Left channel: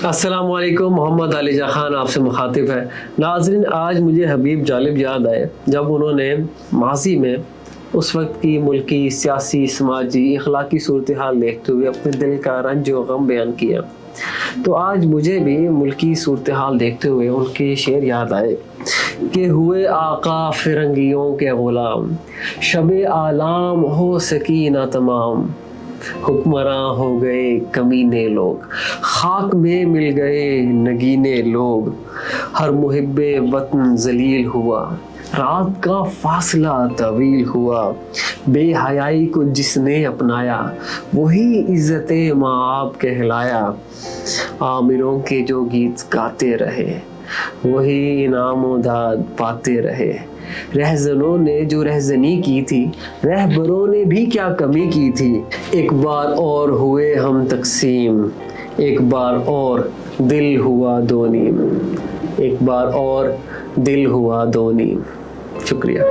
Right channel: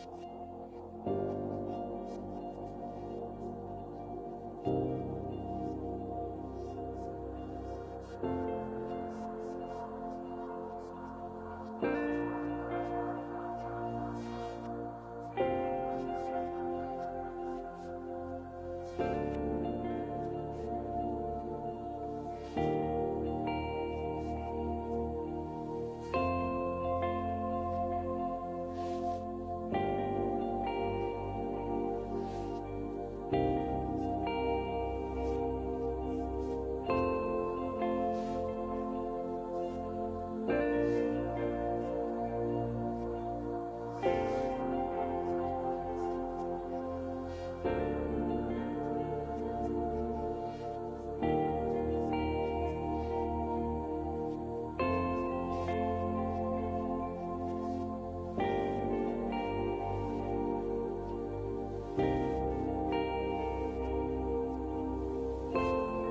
अस्सलाम वालेकुम, मोहम्मद अलीजा खान आपसे मुखातिब है। नाज़रीन, आज मुझे हबीब जालिब याद आए जब उन्होंने माजी में उस वक्त की मुल्की, सियासी, समाजी, इखलाकी सूरत हाल देखते हुए अपने दिल का रंज व गम बयान किया। तो आज मुझे भी मुल्की सूरत हाल देखते हुए उनके शेर याद आए कि हुए आका फिरंगियों के गुलाम, शबे आलाम हो सकी ना तमाम, हुक्मरां हो गए कमीने लोग, खाक में मिल गए नगीने लोग, हर मुहिब्बे वतन जलील हुआ, रात का फासला तवील हुआ, बेहयाई को जिसने अपनाया वही इज्जत माँ आप कहलाया, आमिरों के जो गीत गाते रहे वही इनाम दाद पाते रहे, रहजनों ने जो रहजनी की थी रहबरों ने भी क्या कमी की थी, एक बार और हुए हम तकसीम, एक बार और दिल हुआ दो नीम, एक बार और दिल हुआ दो नीम। शुक्रिया।